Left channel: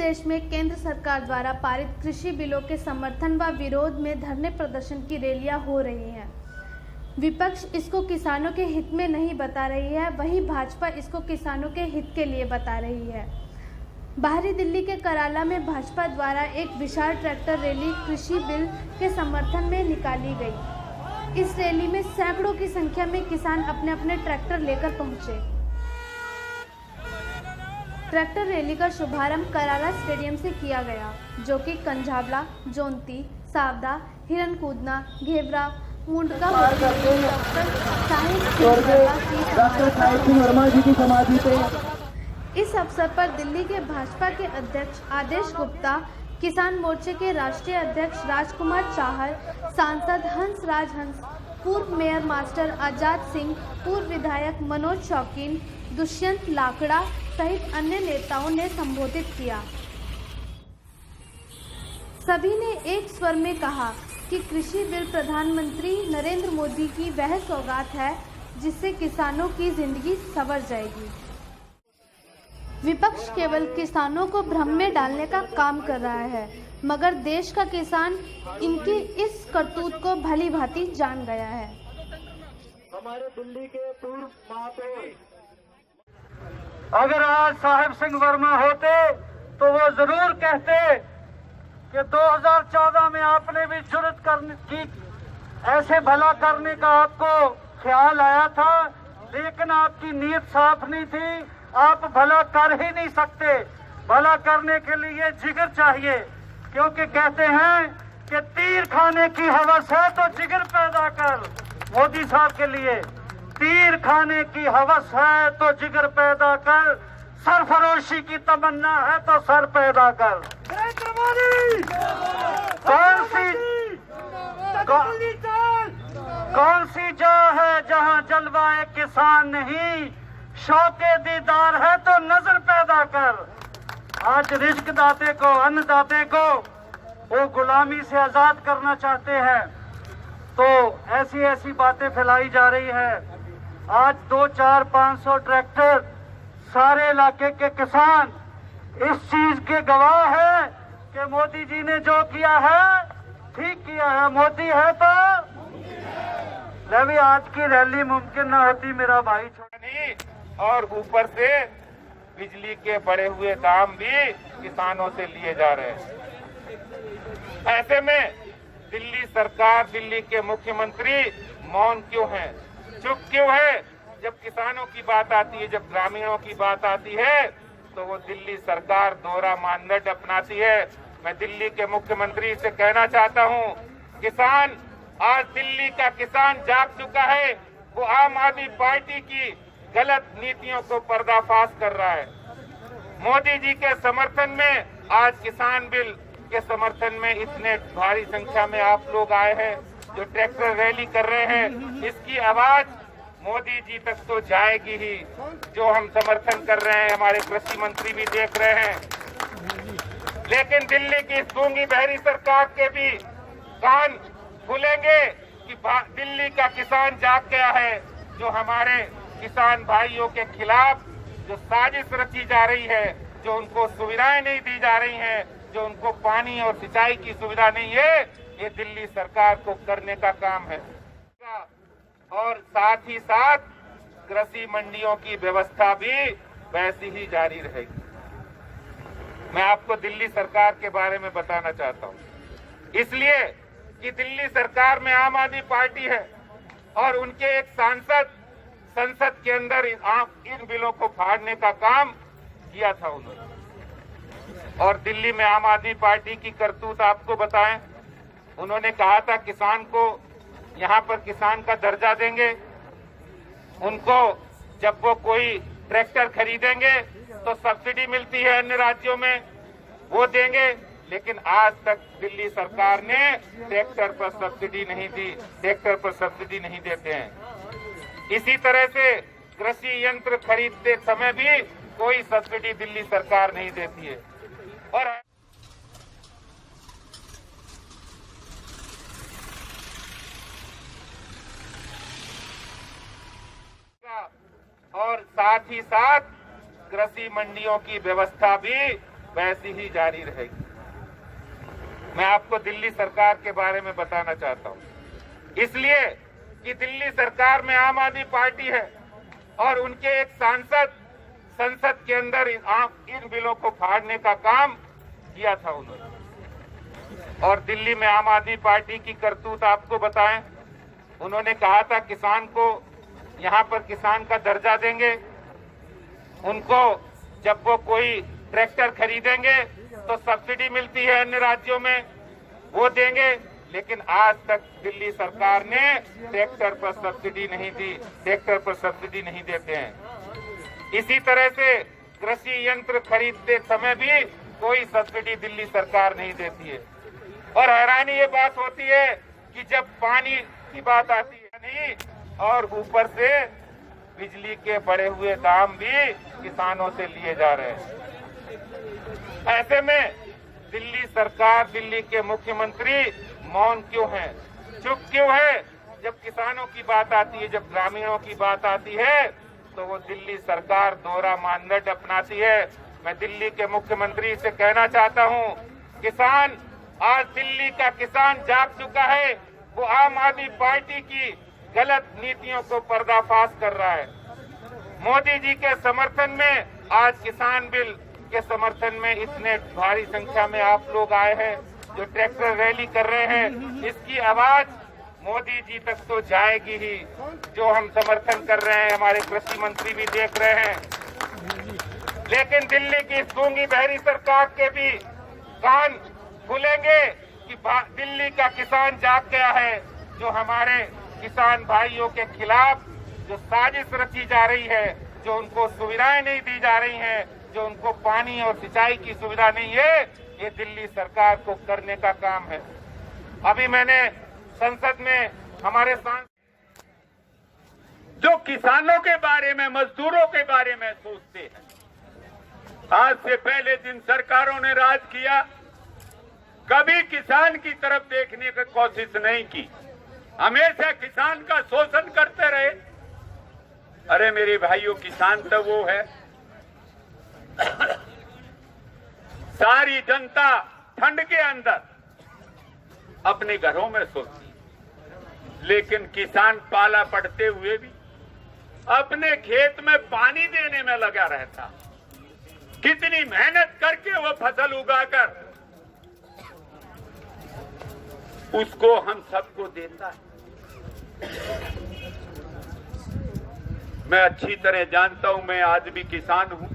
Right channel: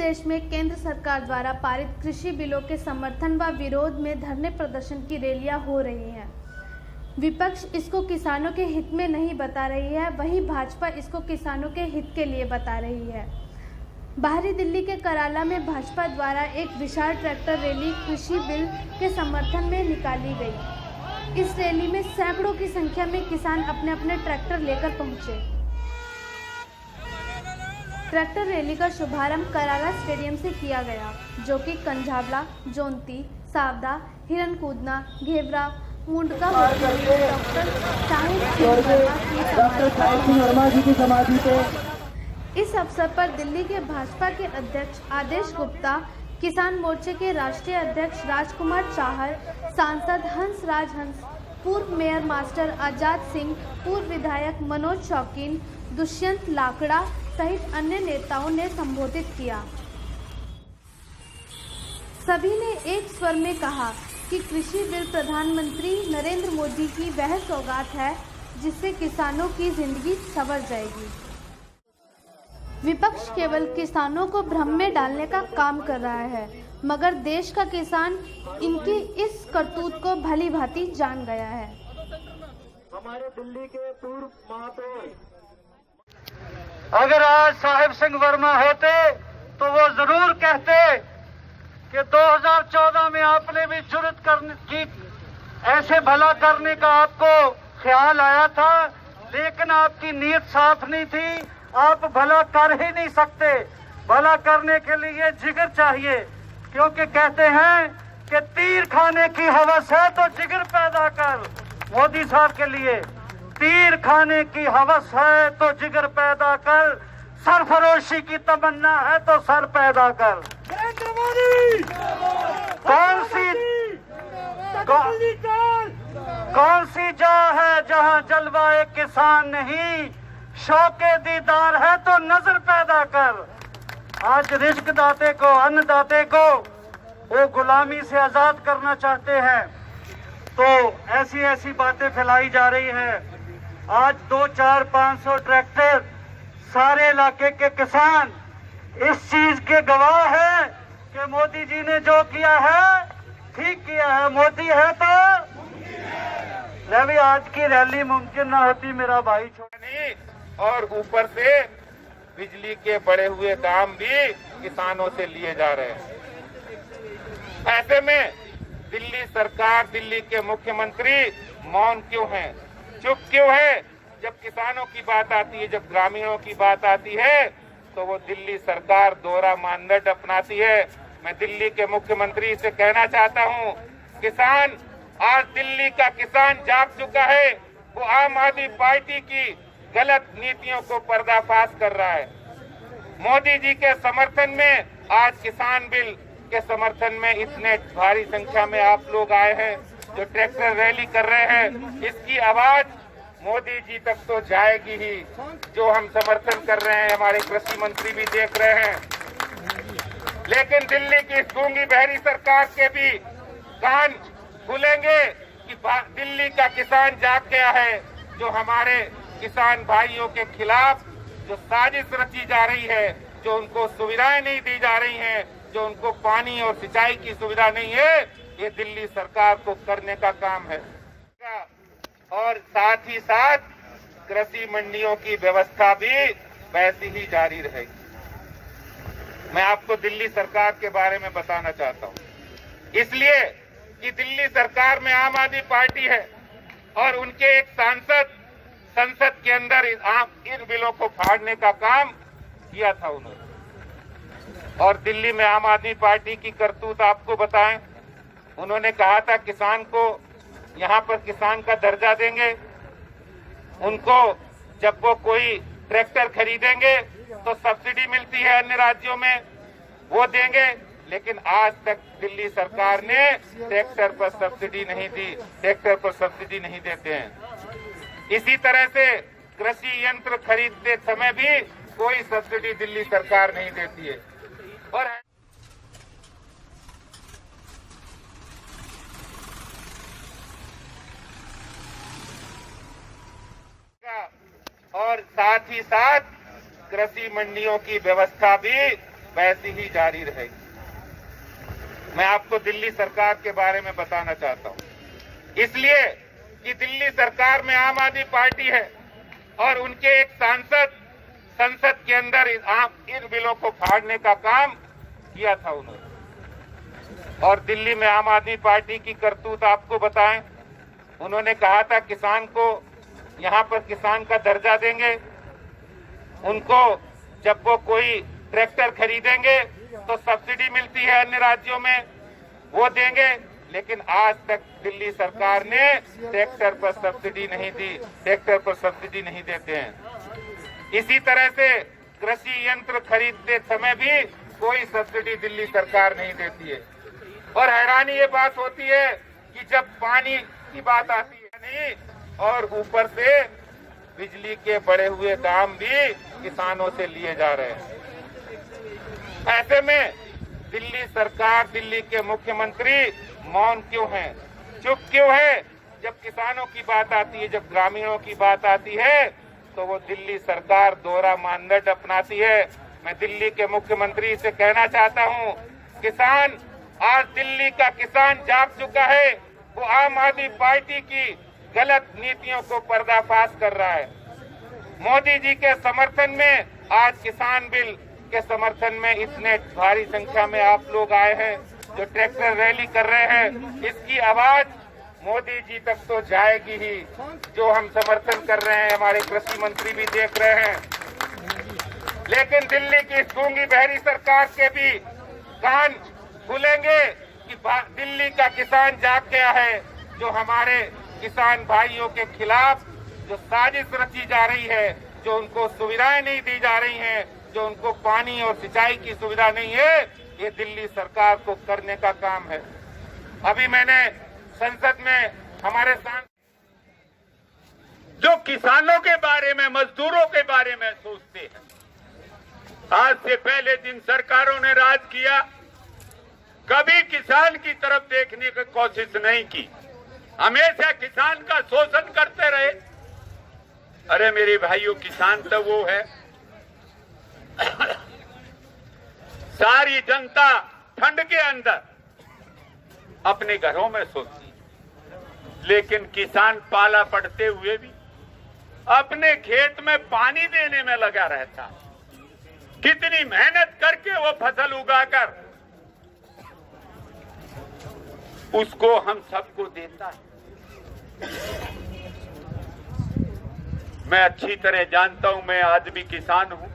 देश में केंद्र सरकार द्वारा पारित कृषि बिलों के समर्थन व विरोध में धरने प्रदर्शन की रैलियां हो रही हैं। विपक्ष इसको किसानों के हित में नहीं बता रही है, वहीं भाजपा इसको किसानों के हित के लिए बता रही है। बाहरी दिल्ली के कराला में भाजपा द्वारा एक विशाल ट्रैक्टर रैली कृषि बिल के समर्थन में निकाली गई। इस रैली में सैकड़ों की संख्या में किसान अपने अपने ट्रैक्टर लेकर पहुंचे। ट्रैक्टर रैली का शुभारंभ कराला स्टेडियम से किया गया, जो कि कंझावला, जोंती, सावदा, हिरनकूदना, घेवरा, मुंडका होते हुए डॉक्टर साहिब सिंह वर्मा की समाधि पर। इस अवसर पर दिल्ली के भाजपा के अध्यक्ष आदेश गुप्ता, किसान मोर्चे के राष्ट्रीय अध्यक्ष राजकुमार चाहर, सांसद हंस राज हंस, पूर्व मेयर मास्टर आजाद सिंह, पूर्व विधायक मनोज शौकीन, दुष्यंत लाकड़ा सहित अन्य नेताओं ने संबोधित किया। सभी ने एक स्वर में कहा कि कृषि बिल प्रधानमंत्री नरेंद्र मोदी की वह सौगात है जिससे किसानों की जिंदगी संवर जाएगी। विपक्ष केवल किसानों को भ्रम में डालने का काम कर रहा है, मगर देश का किसान इनकी इस करतूत को भली भांति जान गया है। हमारे दिल्ली के पूर्व महापौर अगर आज साहिब सिंह वर्मा होते तो वो जरूर कहते कि 2014 में आपने भी जुर्रत करने की, ऐसे भला करने का आपको ख्याल आया था, लेकिन आपकी नीयत साफ नहीं थी, आप भला कर ही नहीं सकते। भला करने के लिए जिगर चाहिए, क्योंकि कहते हैं कि तीर खाने की हवस है तो जिगर पैदा कर। मोदी साहब के लिए तीर खाने की हवस है तो जिगर पैदा कर, सरफरोशी की तमन्ना है तो सर पैदा कर। कौन सी जा है जहां जलवाए किसान नहीं, शौके दीदार है तो नजर पैदा कर। आज रिज्क दाते को, अन्नदाते को वो गुलामी से आजाद करना चाहते हैं, तो ऐसी ऐसी बातें फैलाई जा रही है। आज 2, 4, 500 ट्रैक्टर, सारे इलाके के किसान इस चीज के गवाह है कि मोदी जी ने जो किया है ठीक किया है। मोदी है तो भी आज की रैली मुमकिन न होती मेरा भाई नहीं, और ऊपर से बिजली के बढ़े हुए दाम भी किसानों से लिए जा रहे हैं। ऐसे में दिल्ली सरकार, दिल्ली के मुख्यमंत्री मौन क्यों हैं, चुप क्यों है? जब किसानों की बात आती है, जब ग्रामीणों की बात आती है, तो वो दिल्ली सरकार दोहरा मानदंड अपनाती है। मैं दिल्ली के मुख्यमंत्री से कहना चाहता हूँ, किसान, आज दिल्ली का किसान जाग चुका है। वो आम आदमी पार्टी की गलत नीतियों को पर्दाफाश कर रहा है। मोदी जी के समर्थन में आज किसान बिल के समर्थन में इतने भारी संख्या में आप लोग आए हैं, जो ट्रैक्टर रैली कर रहे हैं। इसकी आवाज मोदी जी तक तो जाएगी ही। जो हम समर्थन कर रहे हैं, हमारे कृषि मंत्री भी देख रहे हैं, लेकिन दिल्ली की गूंगी बहरी सरकार के भी कान खुलेंगे कि दिल्ली का किसान जाग गया है। जो हमारे किसान भाइयों के खिलाफ जो साजिश रची जा रही है, जो उनको सुविधाएं नहीं दी जा रही हैं, जो उनको पानी और सिंचाई की सुविधा नहीं है, ये दिल्ली सरकार को करने का काम है। और साथ ही साथ कृषि मंडियों की व्यवस्था भी वैसी ही जारी रहेगी। मैं आपको दिल्ली सरकार के बारे में बताना चाहता हूँ, इसलिए कि दिल्ली सरकार में आम आदमी पार्टी है और उनके एक सांसद संसद के अंदर इन बिलों को फाड़ने का काम किया था उन्होंने। और दिल्ली में आम आदमी पार्टी की करतूत आपको बताएं, उन्होंने कहा था किसान को, यहाँ पर किसान का दर्जा देंगे, उनको जब वो कोई ट्रैक्टर खरीदेंगे तो सब्सिडी मिलती है अन्य राज्यों में, वो देंगे। लेकिन आज तक दिल्ली सरकार ने ट्रैक्टर पर सब्सिडी नहीं दी, ट्रैक्टर पर सब्सिडी नहीं देते हैं। इसी तरह से कृषि यंत्र खरीदते समय भी कोई सब्सिडी दिल्ली सरकार नहीं देती है। और साथ ही साथ कृषि मंडियों की व्यवस्था भी वैसी ही जारी रहेगी। मैं आपको दिल्ली सरकार के बारे में बताना चाहता हूं, इसलिए कि दिल्ली सरकार में आम आदमी पार्टी है और उनके एक सांसद संसद के अंदर इन बिलों को फाड़ने का काम किया था उन्होंने। और दिल्ली में आम आदमी पार्टी की करतूत आपको बताएं, उन्होंने कहा था किसान को यहाँ पर किसान का दर्जा देंगे, उनको जब वो कोई ट्रैक्टर खरीदेंगे तो सब्सिडी मिलती है अन्य राज्यों में, वो देंगे। लेकिन आज तक दिल्ली सरकार ने ट्रैक्टर पर सब्सिडी नहीं दी, ट्रैक्टर पर सब्सिडी नहीं देते हैं। इसी तरह से कृषि यंत्र खरीदते समय भी कोई सब्सिडी दिल्ली सरकार नहीं देती है। और हैरानी ये बात होती है कि जब पानी की बात आती है नहीं, और ऊपर से बिजली के बढ़े हुए दाम भी किसानों से लिए जा रहे हैं। ऐसे में दिल्ली सरकार, दिल्ली के मुख्यमंत्री मौन क्यों हैं, चुप क्यों है? जब किसानों की बात आती है, जब ग्रामीणों की बात आती है, तो वो दिल्ली सरकार दोहरा मानदंड अपनाती है। मैं दिल्ली के मुख्यमंत्री से कहना चाहता हूँ, किसान, आज दिल्ली का किसान जाग चुका है। वो आम आदमी पार्टी की गलत नीतियों को पर्दाफाश कर रहा है। मोदी जी के समर्थन में आज किसान बिल के समर्थन में इतने भारी संख्या में आप लोग आए हैं, जो ट्रैक्टर रैली कर रहे हैं, इसकी आवाज मोदी जी तक तो जाएगी ही। जो हम समर्थन कर रहे हैं, हमारे कृषि मंत्री भी देख रहे हैं। लेकिन दिल्ली की गूंगी बहरी सरकार के भी कान खुलेंगे कि दिल्ली का किसान जाग गया है। जो हमारे किसान भाइयों के खिलाफ जो साजिश रची जा रही है, जो उनको सुविधाएं नहीं दी जा रही हैं, जो उनको पानी और सिंचाई की सुविधा नहीं है, ये दिल्ली सरकार को करने का काम है। अभी मैंने संसद में हमारे जो किसानों के बारे में, मजदूरों के बारे में सोचते हैं, आज से पहले जिन सरकारों ने राज किया, कभी किसान की तरफ देखने की कोशिश नहीं की, हमेशा किसान का शोषण करते रहे। अरे मेरे भाइयों, किसान तो वो है, सारी जनता ठंड के अंदर अपने घरों में सोती, लेकिन किसान पाला पड़ते हुए भी अपने खेत में पानी देने में लगा रहता। कितनी मेहनत करके वो फसल उगाकर उसको हम सबको देता है। मैं अच्छी तरह जानता हूं, मैं आज भी किसान हूं,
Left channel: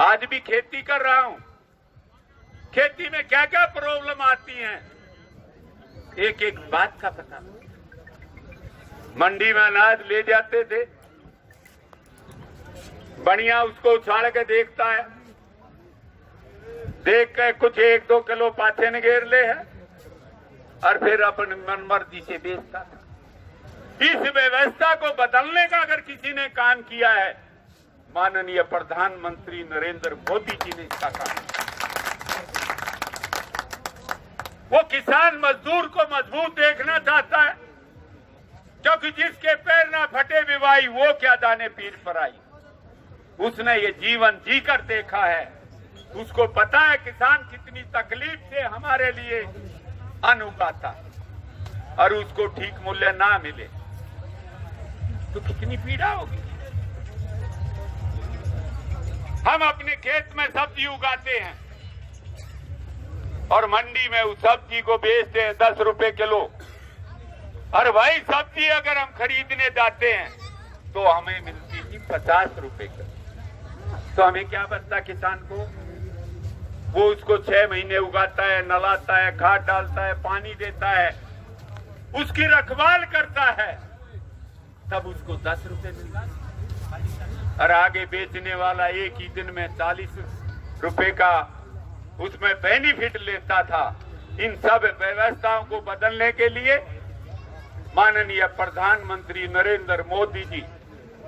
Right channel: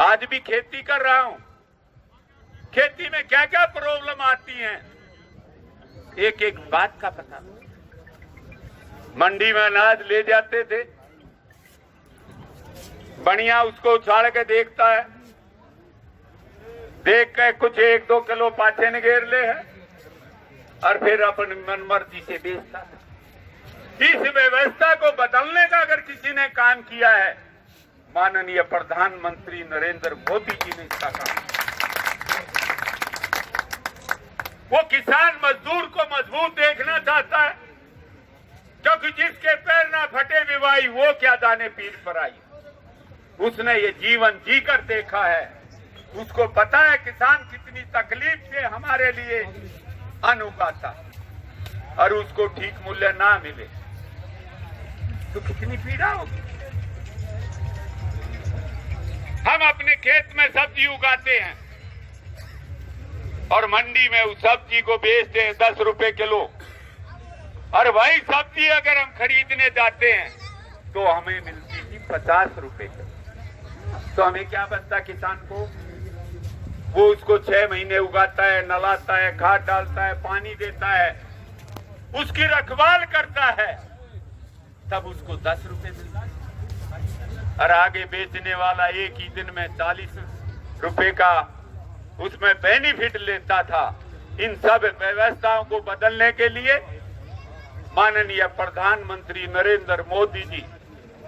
आज भी खेती कर रहा हूं। खेती में क्या क्या प्रॉब्लम आती हैं, एक एक बात का पता। मंडी में अनाज ले जाते थे, बढ़िया उसको उछाल के देखता है, देख के कुछ 1-2 किलो पाछे निगेर ले है और फिर अपन मनमर्जी से बेचता है। इस व्यवस्था को बदलने का अगर किसी ने काम किया है, माननीय प्रधानमंत्री नरेंद्र मोदी जी ने इसका काम किया। वो किसान मजदूर को मजबूत देखना चाहता है, क्योंकि जिसके पैर ना फटे विवाही, वो क्या जाने पीठ पर आई। उसने ये जीवन जीकर देखा है, उसको पता है किसान कितनी तकलीफ से हमारे लिए अन्न उगाता, और उसको ठीक मूल्य ना मिले तो कितनी पीड़ा होगी। हम अपने खेत में सब्जी उगाते हैं और मंडी में उस सब्जी को बेचते हैं 10 रुपए किलो, और भाई सब्जी अगर हम खरीदने जाते हैं तो हमें मिलती थी 50 रुपए किलो। तो हमें क्या बनता किसान को? वो उसको 6 महीने उगाता है, नलाता है, खाद डालता है, पानी देता है, उसकी रखवाल करता है, तब उसको 10 रुपए मिलता है। और आगे बेचने वाला एक ही दिन में 40 रुपए का उसमें बेनिफिट लेता था। इन सब व्यवस्थाओं को बदलने के लिए माननीय प्रधानमंत्री नरेंद्र मोदी जी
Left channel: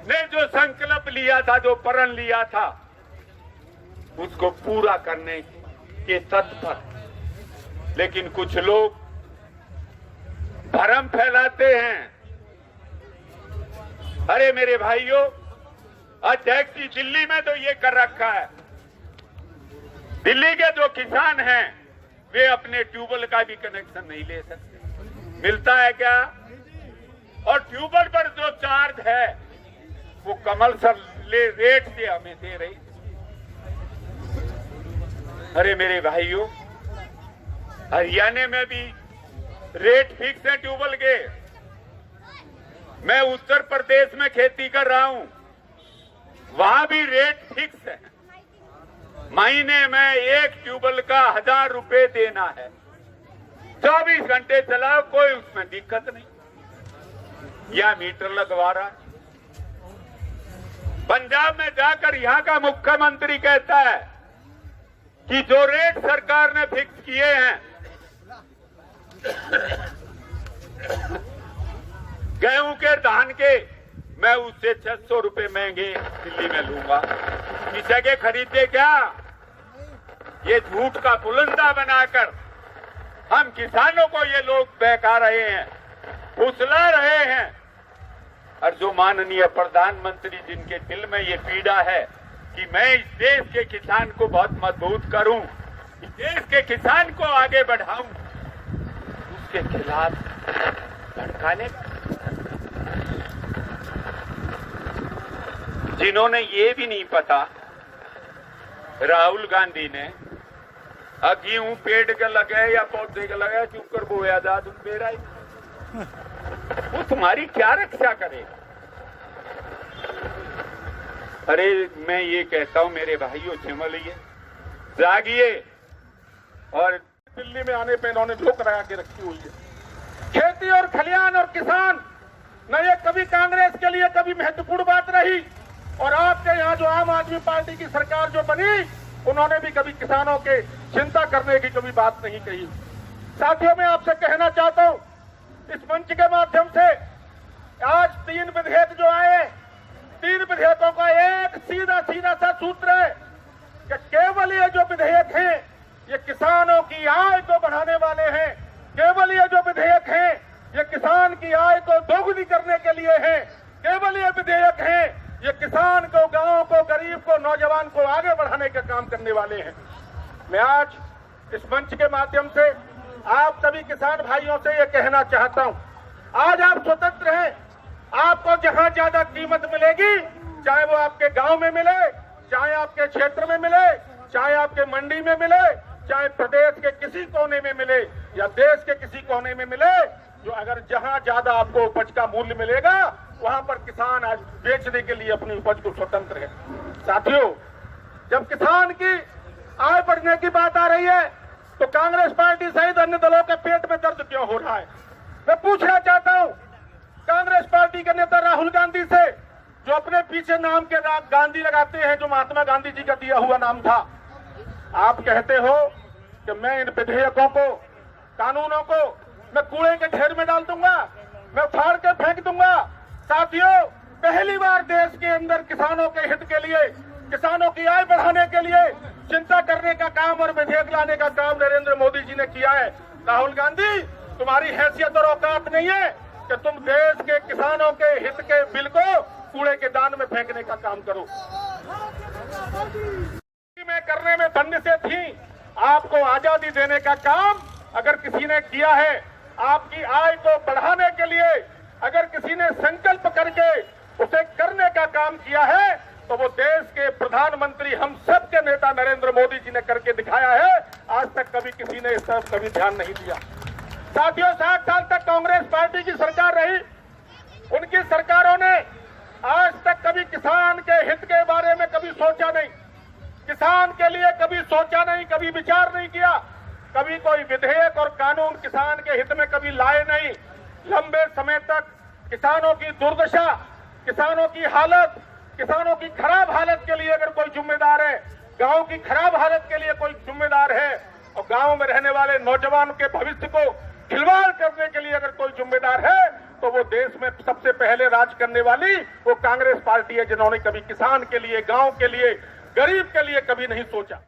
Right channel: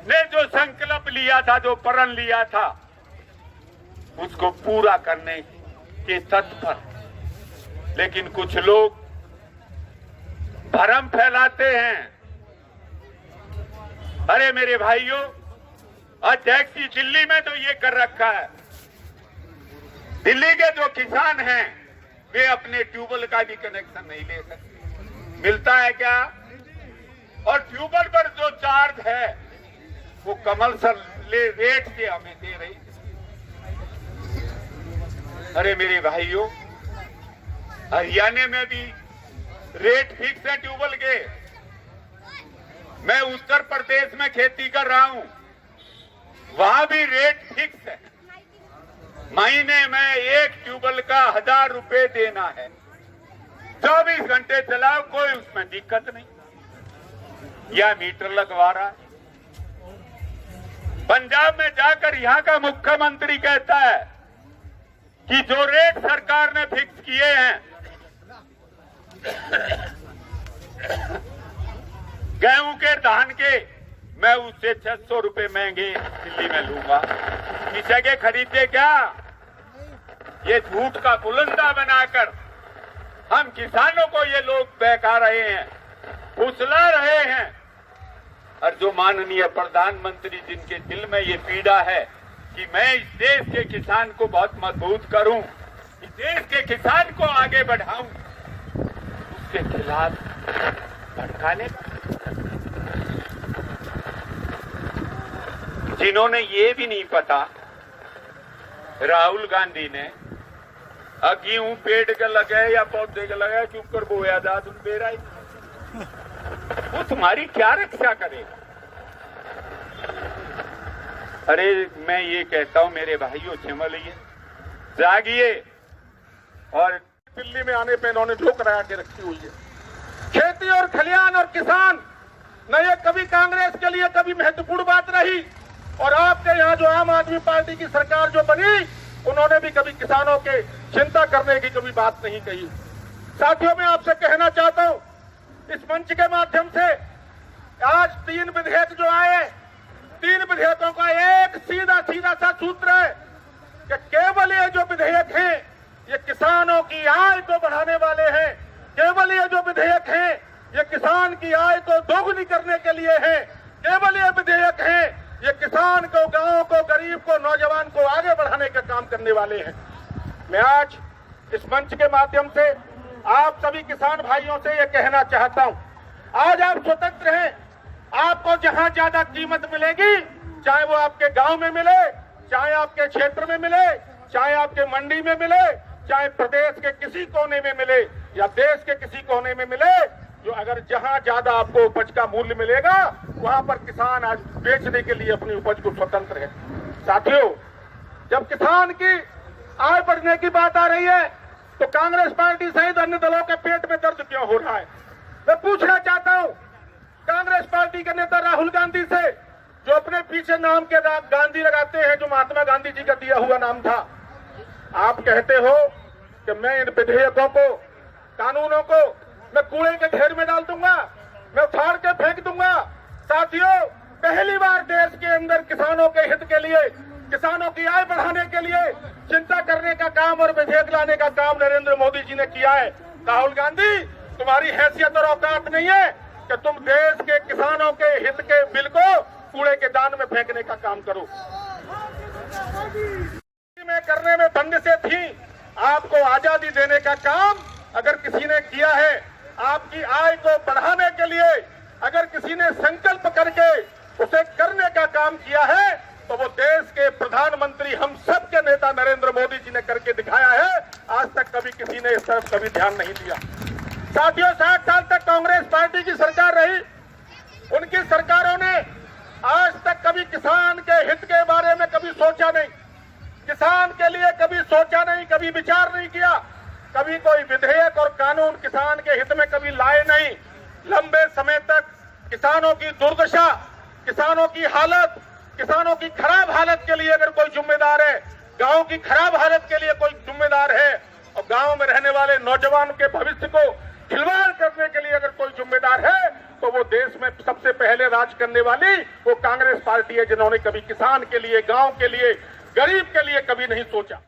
ने जो संकल्प लिया था, जो प्रण लिया था, उसको पूरा करने के तत्पर। लेकिन कुछ लोग भ्रम फैलाते हैं। अरे मेरे भाइयों, अध्यक्ष जी दिल्ली में तो ये कर रखा है, दिल्ली के जो किसान हैं वे अपने ट्यूबवेल का भी कनेक्शन नहीं ले सकते। मिलता है क्या? और ट्यूबवेल पर जो चार्ज है वो कमल सर रेट से हमें दे रही। अरे मेरे भाइयों, हरियाणा में भी रेट फिक्स है ट्यूबवेल के। मैं उत्तर प्रदेश में खेती कर रहा हूं, वहां भी रेट फिक्स है। महीने में एक ट्यूबवेल का 1000 रुपए देना है। 24 घंटे चलाओ, कोई उसमें दिक्कत नहीं। या मीटर लगवा रहा है। पंजाब में जाकर यहां का मुख्यमंत्री कहता है कि जो रेट सरकार ने फिक्स किए हैं, गेहूं के धान के, मैं उससे 600 रुपए महंगे दिल्ली में लूंगा। इस जगह खरीदे क्या? ये झूठ का पुलंदा बनाकर हम किसानों को ये लोग बहका रहे हैं, फुसला रहे हैं। और जो माननीय प्रधानमंत्री जिनके दिल में ये पीड़ा है कि मैं इस देश के किसान को बहुत मजबूत करूं, इस देश के किसान को आगे बढ़ाऊं, उसके खिलाफ भड़काने जिन्होंने ये भी नहीं पता, राहुल गांधी ने गेहूं पेड़ के लगे या पौधे के लगे चुप कर बोया जा, तुम बेरा ही वो तुम्हारी क्या रक्षा करेगा? अरे मैं ये कहता हूं मेरे भाइयों, संभलिए, जागिए। और दिल्ली में आने पे इन्होंने ठोकरा के रखी हुई है। खेती और खलियान और किसान न ये कभी कांग्रेस के लिए कभी महत्वपूर्ण बात रही, और आपके यहाँ जो आम आदमी पार्टी की सरकार जो बनी, उन्होंने भी कभी किसानों के चिंता करने की कभी बात नहीं कही। साथियों, मैं आपसे कहना चाहता हूं, इस मंच के माध्यम से आज 3 विधेयक जो आए, 3 विधेयकों का एक सीधा सीधा सा सूत्र है कि केवल ये जो विधेयक हैं ये किसानों की आय को बढ़ाने वाले हैं। केवल ये जो विधेयक हैं ये किसान की आय को दोगुनी करने के लिए हैं। केवल ये विधेयक हैं ये किसान को, गांव को, गरीब को, नौजवान को आगे बढ़ाने का काम करने वाले हैं। मैं आज इस मंच के माध्यम से आप सभी किसान भाइयों से ये कहना चाहता हूं, आज आप स्वतंत्र हैं। आपको जहां ज्यादा कीमत मिलेगी, चाहे वो आपके गांव में मिले, चाहे आपके क्षेत्र में मिले, चाहे आपके मंडी में मिले, चाहे प्रदेश के किसी कोने में मिले या देश के किसी कोने में मिले, जो अगर जहां ज्यादा आपको उपज का मूल्य मिलेगा, वहां पर किसान आज बेचने के लिए अपनी उपज को स्वतंत्र है। साथियों, जब किसान की आय बढ़ने की बात आ रही है तो कांग्रेस पार्टी सहित अन्य दलों के पेट में दर्द क्यों हो रहा है? मैं पूछना चाहता हूं कांग्रेस पार्टी के नेता राहुल गांधी से, जो अपने पीछे नाम के गांधी लगाते हैं, जो महात्मा गांधी जी का दिया हुआ नाम था। आप कहते हो कि मैं इन विधेयकों को, कानूनों को मैं कूड़े के ढेर में डाल दूंगा, मैं उखाड़ के फेंक दूंगा। साथियों, पहली बार देश के अंदर किसानों के हित के लिए, किसानों की आय बढ़ाने के लिए चिंता करने का काम और विधेयक लाने का काम नरेंद्र मोदी जी ने किया है। राहुल गांधी, तुम्हारी हैसियत और औकात नहीं है कि तुम देश के किसानों के हित के बिल को कूड़े के दान में फेंकने का काम करो। में करने में बंदिशें थी, आपको आजादी देने का काम अगर किसी ने किया है, आपकी आय को बढ़ाने के लिए अगर किसी ने संकल्प करके उसे करने का काम किया है, तो वो देश के प्रधानमंत्री, हम सब के नेता नरेंद्र मोदी जी ने करके दिखाया है। आज तक कभी किसी ने इस तरफ कभी ध्यान नहीं दिया। साथियों, 60 साल तक कांग्रेस पार्टी की सरकार रही, उनकी सरकारों ने आज तक कभी किसान के हित के बारे में कभी सोचा नहीं, किसान के लिए कभी सोचा नहीं, कभी विचार नहीं किया, कभी कोई विधेयक और कानून किसान के हित में कभी लाए नहीं। लंबे समय तक किसानों की दुर्दशा, किसानों की हालत, किसानों की खराब हालत के लिए अगर कोई जिम्मेदार है, गांव की खराब हालत के लिए कोई जिम्मेदार है, और गांव में रहने वाले नौजवानों के भविष्य को खिलवाड़ करने के लिए अगर कोई जिम्मेदार है, तो वो देश में सबसे पहले राज करने वाली वो कांग्रेस पार्टी है, जिन्होंने कभी किसान के लिए, गांव के लिए, गरीब के लिए कभी नहीं सोचा।